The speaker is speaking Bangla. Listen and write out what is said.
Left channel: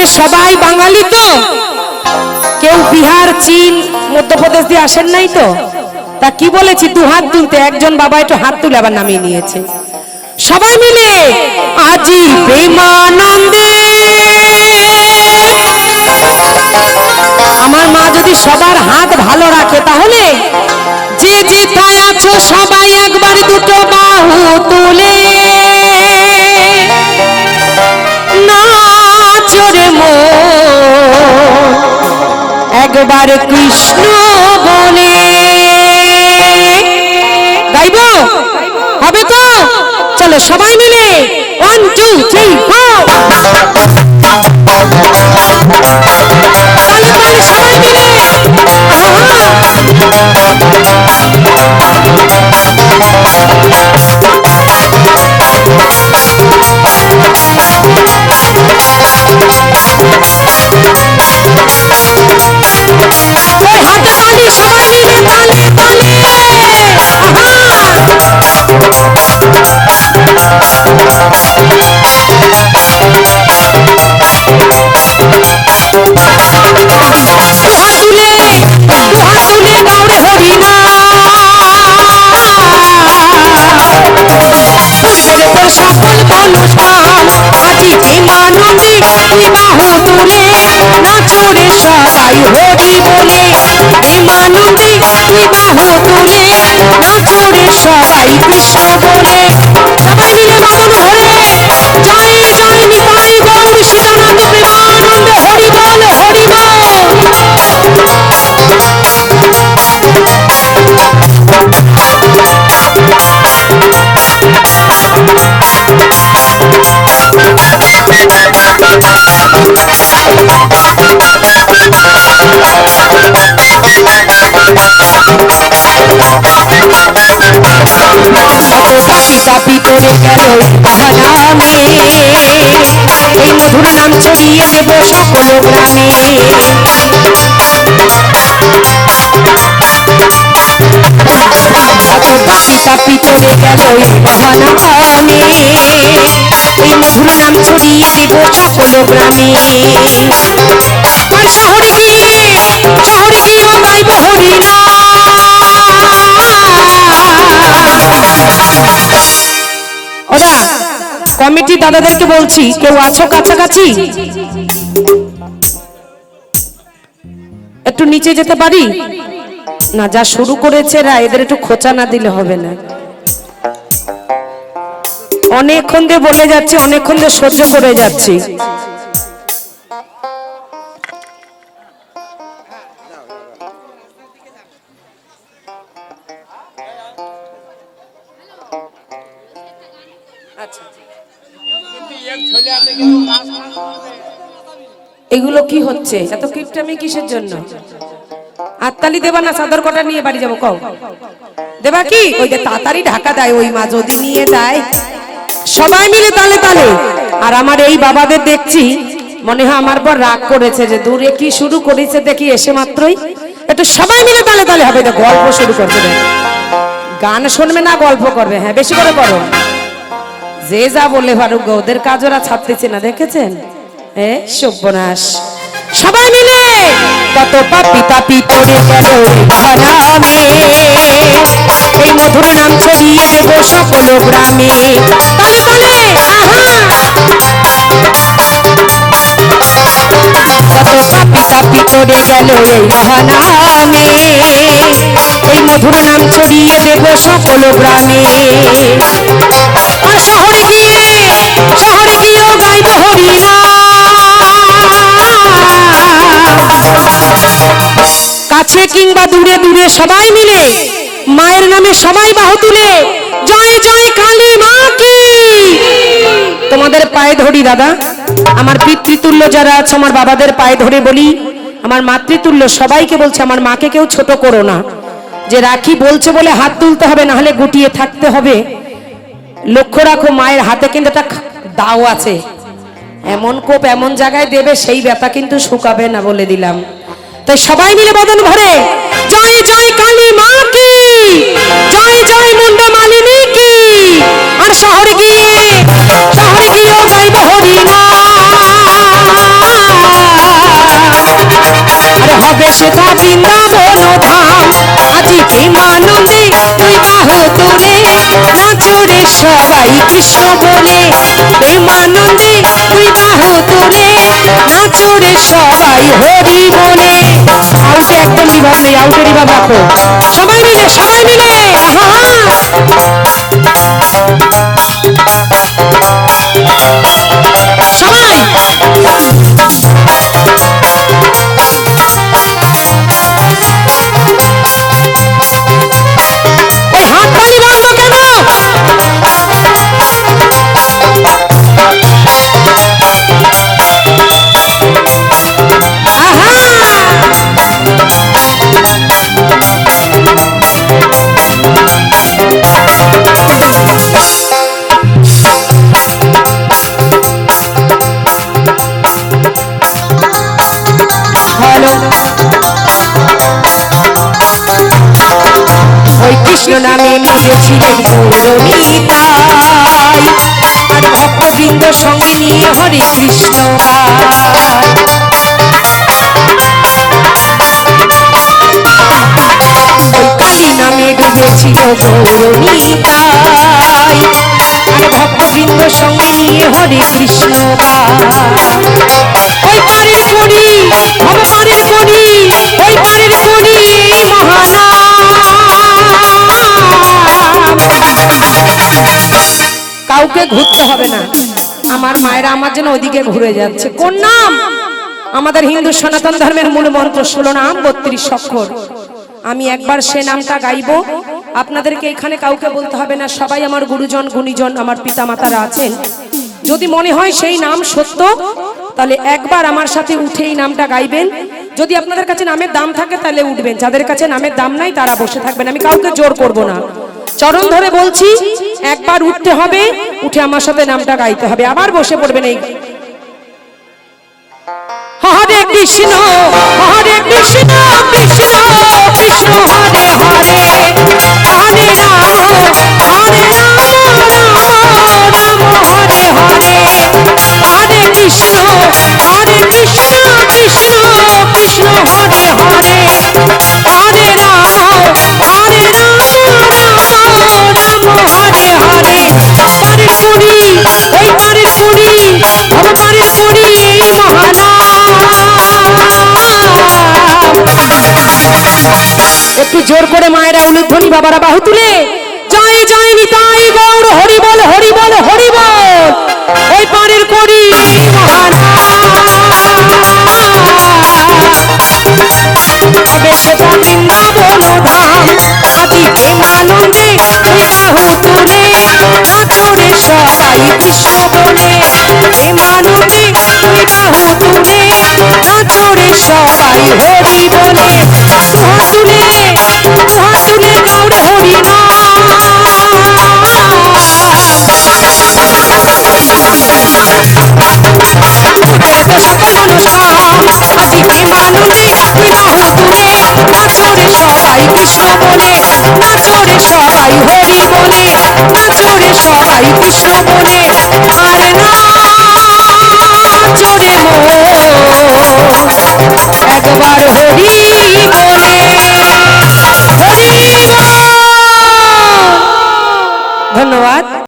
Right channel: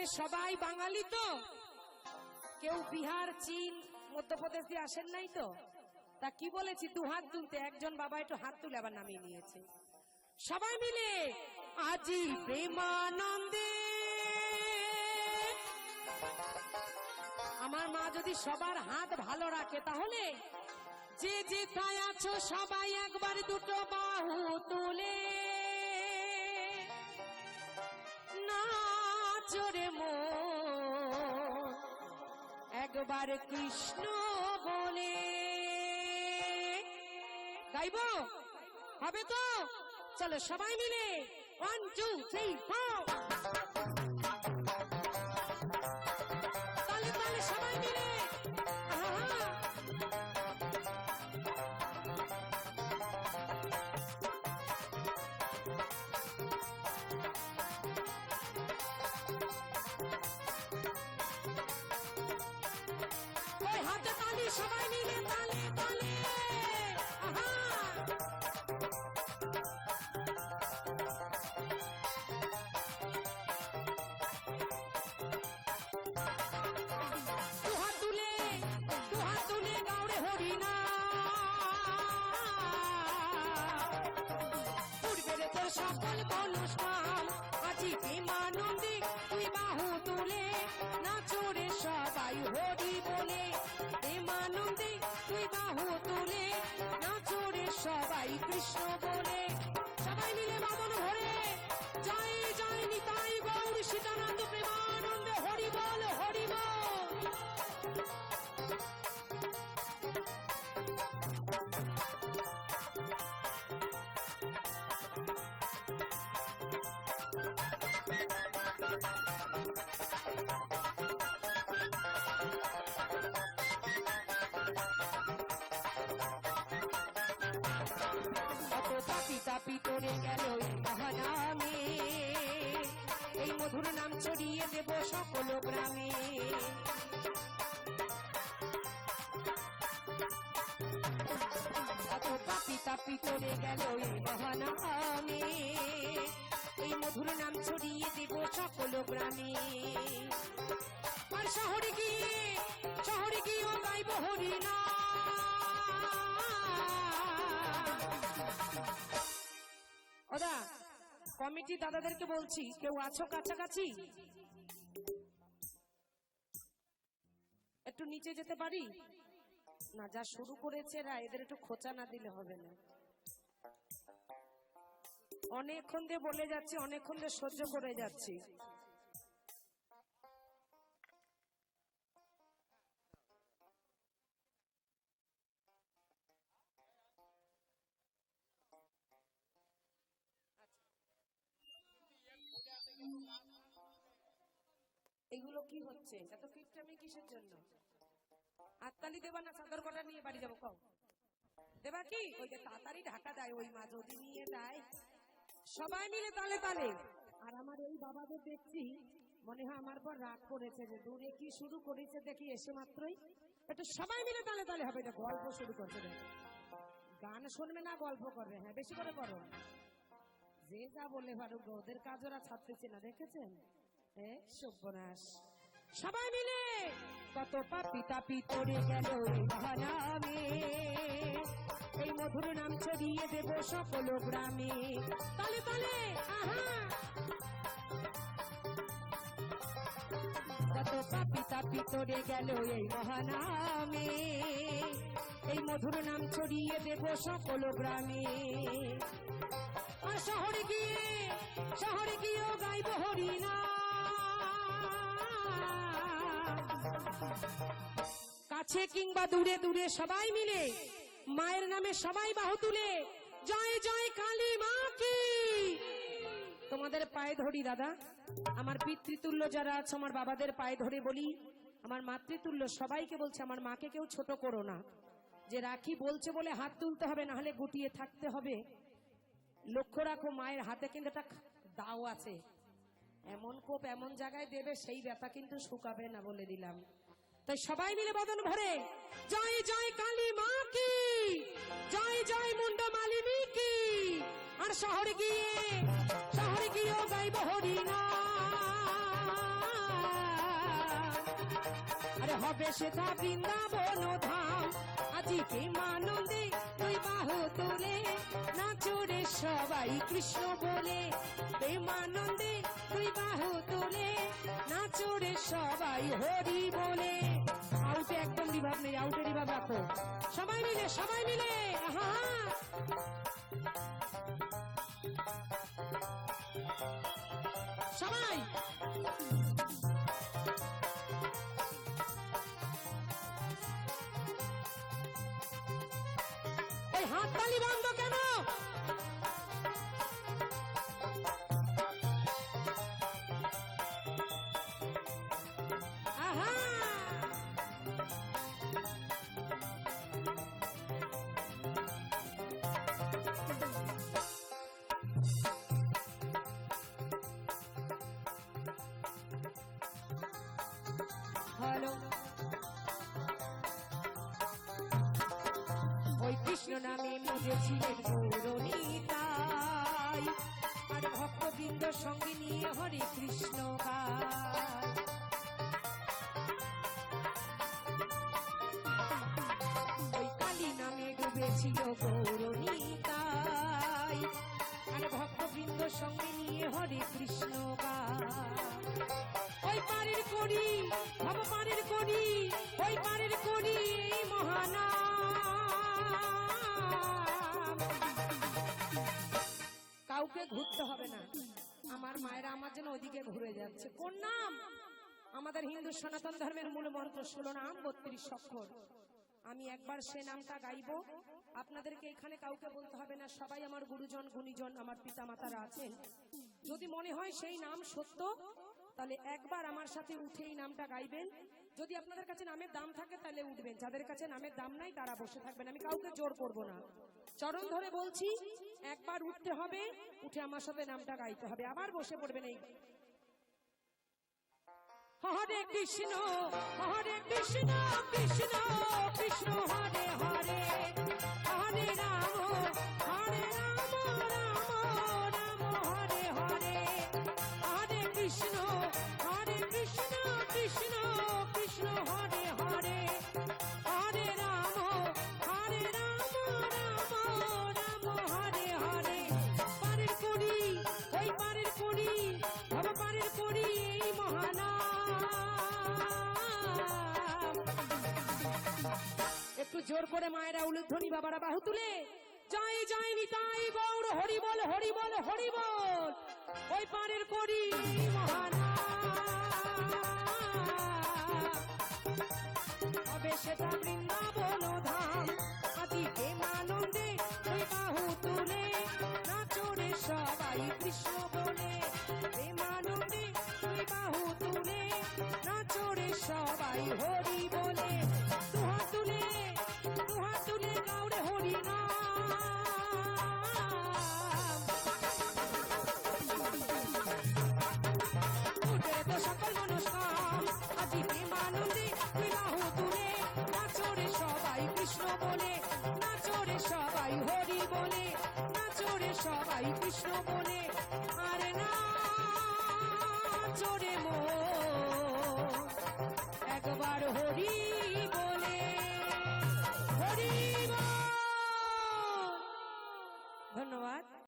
এখানে সবাই বাঙালি তো, কেউ বিহার চীন মধ্যপ্রদেশ দিয়ে আসেন নাই তো, তা কি বলেছি দু হাত তুলতে, একজন বাবা একটু হাত তুলে আবার নামিয়ে নিয়েছে। সবাই মিলে আজি প্রেমানন্দে। আমার মা যদি সবার হাত ভালো রাখে তাহলে যে যেথায় আছো সবাই একবার দুটো বাহু তুলে নাচো রে মন একবার কৃষ্ণ বলে। গাইবো হবে তো? চলো সবাই মিলে 1 2 3 4 তালে তালে সবাই মিলে। ওই হাতে তালি সবাই মিলে তালে তালে। সকল অনুষ্ঠান আজি প্রেমানন্দে বাহু তুলে নাচো রে সবাই হরি বলে। প্রেমানন্দে বাহু তুলে নাচো রে সবাই কৃষ্ণ বলে। সবাই মিলে বাদন ধরে জয় জয় নিতাই গৌর সীতানাথ প্রেমানন্দে হরি বল হরি বল। তাপি করে গেল নামে এই মধুর নাম ছড়িয়ে দেব সকল গ্রামে। তাপি তাপি করে গেল নামে এই মধুর নাম ছড়িয়ে দেব সকল গ্রামে। আর শহরে গিয়ে গাইব হরি না। ওরা কমিটি দাদাদেরকে বলছি, কেউ আছো কাছাকাছি? একটু নিচে যেতে পারি না? যা শুরু করেছে এরা, এদের একটু খোঁচা না দিলে হবে না। অনেকক্ষণ দিয়ে বলে যাচ্ছি, অনেকক্ষণ দিয়ে সহ্য করে যাচ্ছি। এগুলো কি হচ্ছে? এত কিপটামি কিসের জন্য? হাততালি দেবা না চাদর কটা নিয়ে বাড়ি যাবো? কও দেবা কি? ওই যে তাড়াতাড়ি ঢাকা দেয় ওই মা যদি নিয়ে যায়। সবাই মিলে তালে তালে। আর আমার এই বাবাদের দেখছি মনে হয় আমার পর রাগ করেছে যে দূরে কি শুরু করেছে দেখি এসে মাত্রই। একটু সবাই মিলে তালে তালে হবে। গল্প শুরু করছে, গান শুনবে না গল্প করবে। হ্যাঁ বেশি করে করো, যে যা বলে পারুক, ওদের কাজ ওরা ছাড়তেছে না। দেখেছেন সর্বনাশ। সবাই মিলে কত পাপি তাপি করে গেল নামে এই মধুর নাম ছড়িয়ে দেব সকল গ্রামে। তালে তালে কত পাপি তাপি করে গেল এই মহানামে এই মধুর নাম ছড়িয়ে দেব সকল গ্রামে। আর শহরে গিয়েও গাইব হরি না। কাছে কিংবা দূরে দূরে সবাই মিলে মায়ের নামে সবাই বাহু তুলে জয় জয় কালী মা কি। তোমাদের পায়ে ধরি দাদা, আমার পিতৃতুল্য যারা আছে আমার বাবাদের পায়ে ধরে বলি, আমার মাতৃতুল্য সবাইকে বলছে আমার মাকে কেউ ছোট করো না। যে রাখি বলছে বলে হাত তুলতে হবে, না হলে গুটিয়ে থাকতে হবে। লক্ষ্য রাখো মায়ের হাতে কিন্তু একটা দাও আছে, এমন কোপ এমন জায়গায় দেবে সেই ব্যথা কিন্তু শুকাবে না বলে দিলাম। তাই সবাই মিলে বদন ভরে জয় জয় কালী মা কি, জয় জয় মুন্ডা মালিনী কি। আর শহরে গিয়েও গাইব হরি নাম। সবাই কৃষ্ণ বলে, প্রেমানন্দে দুই বাহু তুলে নাচরে সবাই হরি বলে। আউটে একদম বিভাগ নেই, আউটের বিভাগ রাখো। সবাই মিলে, সবাই মিলে, আহা সবাই। ওই হাত তালি বন্ধ কেন? আহা হ্যালো। ওই কৃষ্ণ নামে নিজেছিলেন গৌরনীতাই, আর ভক্তবৃন্দ সঙ্গে নিয়ে হরে কৃষ্ণ গায়। ওই কালী নামে ডুবেছিল গৌরনীতাই, আর ভক্তবৃন্দ সঙ্গে নিয়ে হরে কৃষ্ণ গায়। ওই পারের করি, ভব পারের করি, ওই পারের করি এই মহানাম। কাউকে ঘুরতে হবে না, আমার মায়েরা আমার জন্য ওদিকে ঘুরে যাচ্ছে। কোন নাম? আমাদের হিন্দু সনাতন ধর্মের মূল মন্ত্র 16 নাম 32 অক্ষর। আমি একবার সে নামটা গাইবো, আপনাদেরকে এখানে কাউকে বলতে হবে না। সবাই আমার গুরুজন গুণীজন আমার পিতা মাতারা আছেন। যদি মনে হয় সেই নাম সত্য, তাহলে একবার আমার সাথে উঠে এই নামটা গাইবেন। যদি আপনাদের কাছে নামের দাম থাকে তাহলে উঠবেন, যাদের কাছে নামের দাম নাই তারা বসে থাকবেন। আমি কাউকে জোর করব না, চরণ ধরে বলছি, একবার উঠতে হবে, উঠে আমার সাথে নামটা গাইতে হবে, আবার বসে পড়বেন। এই হরে কৃষ্ণ, হরে কৃষ্ণ, কৃষ্ণ কৃষ্ণ হরে হরে, হরে রাম, হরে রাম, রাম রাম হরে হরে। হরে কৃষ্ণ, হরে কৃষ্ণ, কৃষ্ণ কৃষ্ণ হরে হরে, হরে রাম, হরে রাম, রাম রাম হরে হরে। পারের কুড়ি, ওই পারের কুড়ি, ভব পারের কুড়ি এই মহানাম। একটু জোর করে মায়েরা উলুধ্বনি, বাবারা বাহু তুলে জয় জয় নিতাই গৌর, হরি বল, হরি বল, হরি বল। ওই পারের করি মহানাম, সে